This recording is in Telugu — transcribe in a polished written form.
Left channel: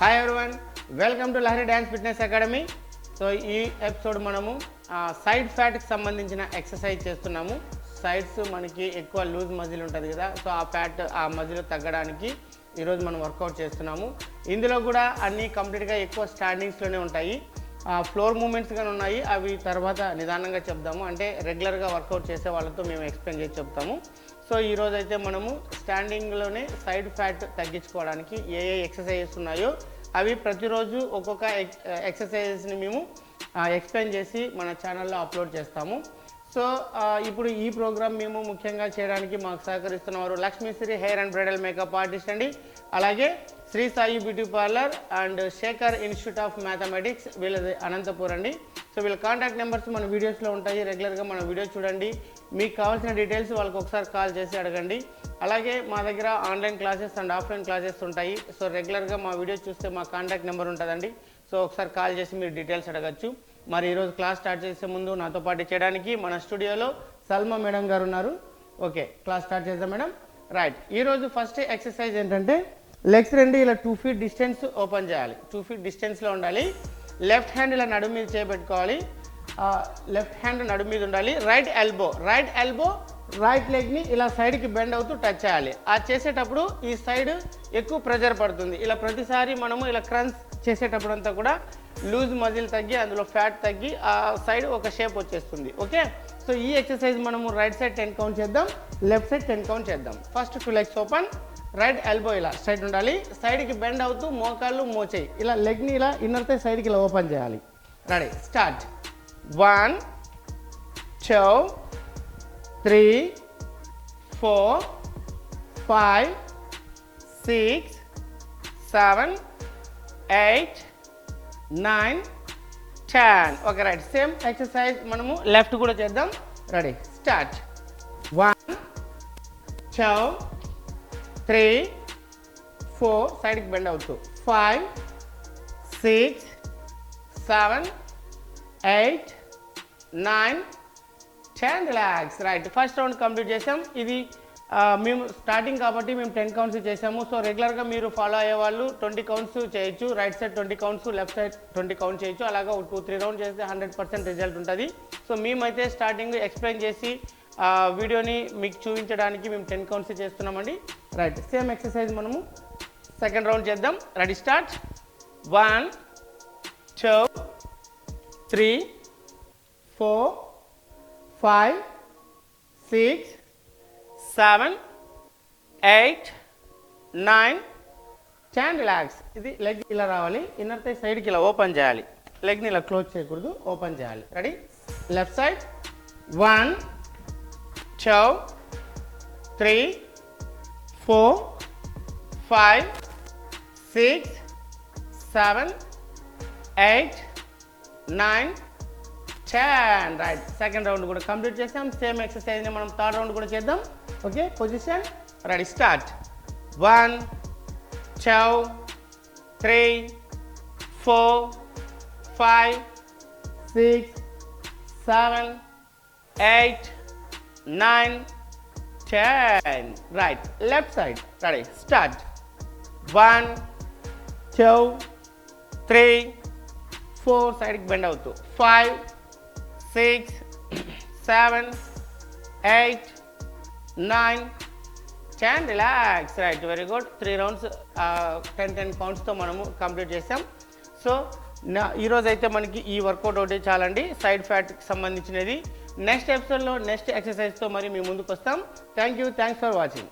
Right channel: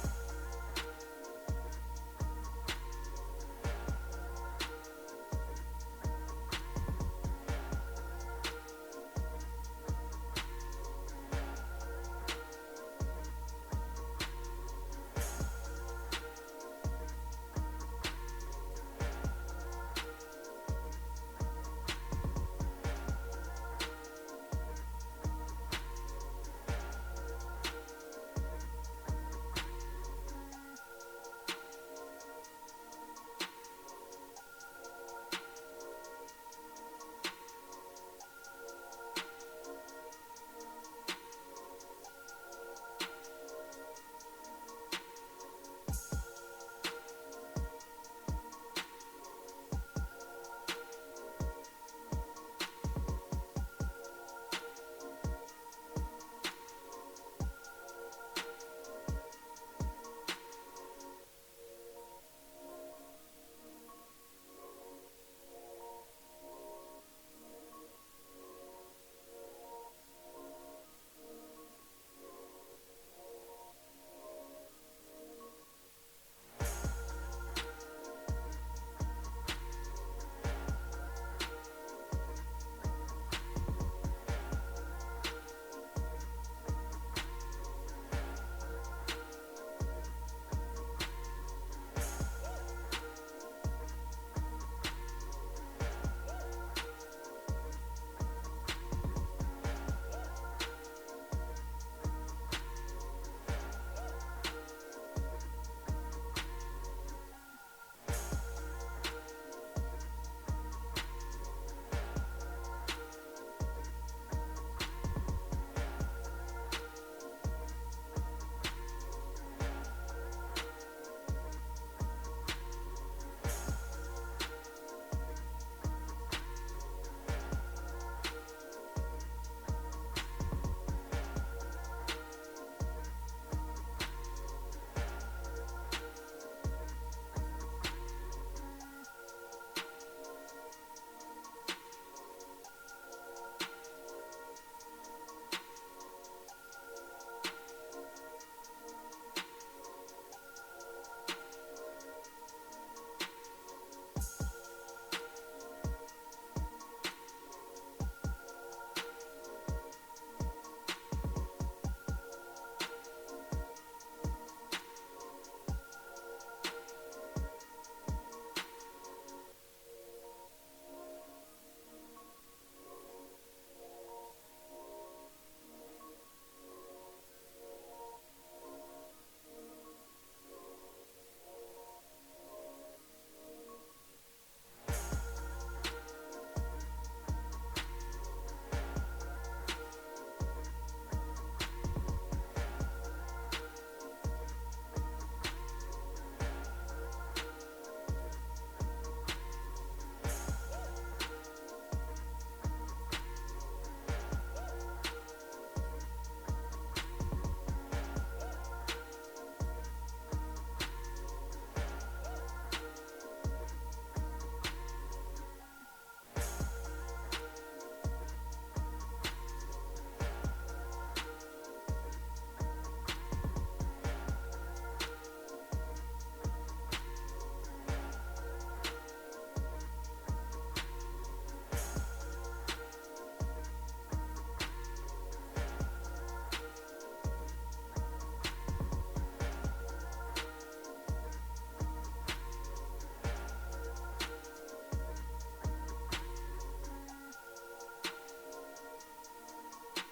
Hi everyone, welcome to Lahari dance fitness academy. So ఈ ఎపిసోడ్ మనము సైడ్ ఫ్యాట్కి సంబంధించిన ఎక్సర్సైజ్ చేస్తున్నాము. సైడ్స్ మనకి ఎక్కువ లూజ్ మజిల్ ఉంటుంది కదా, సో ఆ ఫ్యాట్ ఆ మజిల్ తగ్గడానికి ఈరోజు మనం వర్కౌట్ చేస్తున్నాము. ఇందులో కూడా అన్నీ కంప్లీట్గా ఎక్కువ స్టాండింగ్స్లోనే ఉంటాయి. ఫ్లోర్ మూమెంట్స్ కానీ ఉన్నాయి, అవి తర్వాత నిదానంగా చెప్దాము. అంటే రెగ్యులర్గా వర్కౌట్ చేసే వాళ్ళతో మేము ఎక్స్ప్లెయిన్ చేసి చెప్తాము. సో ఈరోజు అయితే మనము స్టాండింగ్లోనే సైడ్ ఫ్యాట్ తగ్గించుకోవడానికి ఏ ఎక్సర్సైజెస్ ఉన్నాయో అవి ప్రతిరోజు ఒక్కొక్క ఎక్సర్సైజెస్ని మేము ఎక్స్ప్లెయిన్ చేసి మన ఛానల్లో అప్లోడ్ చేస్తాము. సో ఇప్పుడు ఈ ప్రోగ్రామ్ మేము ముఖ్యంగా చేయడానికి మాకు సహకరిస్తున్నవారు Lakshmishri hair and bridal makeup artist అండి, అలాగే Shri Sai beauty parlour and Shekhar institute of mathematics, వీళ్ళది అనంతపూర్ అండి. సో వీళ్ళ కాంటాక్ట్ నెంబర్స్ మన వీడియోస్లో ఉంటాయి. రెగ్యులర్గా మన వీడియో చూడండి, మీకు కావాల్సిన డీటెయిల్స్ వాళ్ళకి ఒకసారి కాల్ చేసి అడగండి. అలాగే మా దగ్గర online classes and offline classes ఉంటాయి. సో రెగ్యులర్గా మా వీడియో చూస్తే మా కాంటాక్ట్ నెంబర్ ఉంటుందండి. సో ఒకసారి కాల్ చేసి మీరు డీటెయిల్స్ అడగచ్చు. మరి ఈరోజు క్లాస్ స్టార్ట్ చేసే ముందు నాతో పాటు చేయడానికి మన స్టూడియోలో సల్మా మేడం గారు ఉన్నారు. ఓకే, క్లాస్ స్టార్ట్ చేద్దాం మేడం. రైట్, ఈరోజు ఫస్ట్ ఎక్సర్సైజ్ ఏంటంటే లెగ్స్ రెండు ఇలా 2 feet డిస్టెన్స్ ఓపెన్ చేయాలి. 2 feet డిస్టెన్స్లో ఉండాలి. లెఫ్ట్ హ్యాండ్ ఇలా నడుము మీద చేపెట్టుకోవాలి. లెఫ్ట్ హ్యాండ్ నడుము మీద ఉండాలి. రైట్ ఎల్బో రైట్ లెగ్ని ఇలా సైడ్కి బెండ్ అవుతూ టచ్ చేయాలి. ఆ చేసేటప్పుడు ఈ సైడ్ ఎక్కువ ప్రెజర్ పడుతుంది. ఇలా ప్రతిసారి మనము ఇలా క్రంచ్ చేసేటప్పుడు అంతా కూడా లూజ్ మజిల్ తగ్గి అందులో ఫ్యాట్ తగ్గి ఆ సైడ్ ఒక షేప్ వచ్చేస్తుంది. ఓకే, సో ఈ ఎక్సర్సైజ్ మనము రైట్ సైడ్ 10 కౌంట్ చేద్దాం, లెఫ్ట్ సైడ్ 10 కౌంట్ చేద్దాం. First 2 legs open, right elbow ఇలా స్ట్రైట్ ఉండాలి. సైడ్కి బెండ్ అవుతూ మోకాళ్ళు మోచేయి ఇలా లెగ్ని ఇలా ఇన్నర్ థై సైడ్కి ఇలా ఓపెన్ చేయాలి. Ready, start. 1 2 3 4 5 6 7 8 9 10. Okay right, same exercise మనము లెఫ్ట్ కూడా చేద్దాం. Ready, start. 1 2 3 4 సైడ్కి బెండ్ అవుతూ 5 6 7 8 9 10. Relax. Right, first round complete చేసాం. ఇది మేము స్టార్టింగ్ కాబట్టి మేము 10 కౌంట్స్ చేసాము. సో రెగ్యులర్గా మీరు ఫాలో అయ్యే వాళ్ళు 20 కౌంట్స్ చేయొచ్చు. Right side 20 counts, left side 20 count చేయొచ్చు. అలాగా 2-3 రౌండ్ చేస్తే 100% రిజల్ట్ ఉంటుంది. సో మేమైతే స్టార్టింగ్ ఎక్స్ప్లెయిన్ చేసి వీడియోని మీకు చూపించడానికి మేము 10 కౌంట్స్ చేస్తున్నామండి. రైట్, సేమ్ ఎక్సర్సైజ్ మనము సెకండ్ రౌండ్ చేద్దాం. Ready, start. 1 2 3 4 5 6 7 8 9 10. రిలాక్స్. ఇది లెగ్ ఇలా రావాలి, ఇన్నర్ థై సైడ్కి ఇలా ఓపెన్ చేయాలి. లెగ్ని ఇలా క్లోజ్ చేయకూడదు, ఓపెన్ చేయాలి. Ready, left side. 1 2 3 4 5 6 7 8 9 10. Right, second round కూడా కంప్లీట్ చేసాం. సేమ్ ఎక్సర్సైజ్ని మనం థర్డ్ రౌండ్ కూడా చేద్దాం. Okay, position. Ready, start. 1 2 3 4 5 6 7 8 9 10. Right, left side. Ready, start. 1 2 3 4 సైడ్కి బెండ్ అవుతూ 5 6 7 8 9 10. Relax. Right, very good. 3 rounds 10 కౌంట్స్తో మనము కంప్లీట్ చేసాం. సో ఈరోజు అయితే మనకి ఈ వర్కౌట్ ఒకటి చాలండి, సైడ్ ఫ్యాట్కి సంబంధించినది. నెక్స్ట్ ఎపిసోడ్లో నెక్స్ట్ ఎక్సర్సైజ్తో మరి మీ ముందుకు వస్తాం. Thank you, thanks for watching.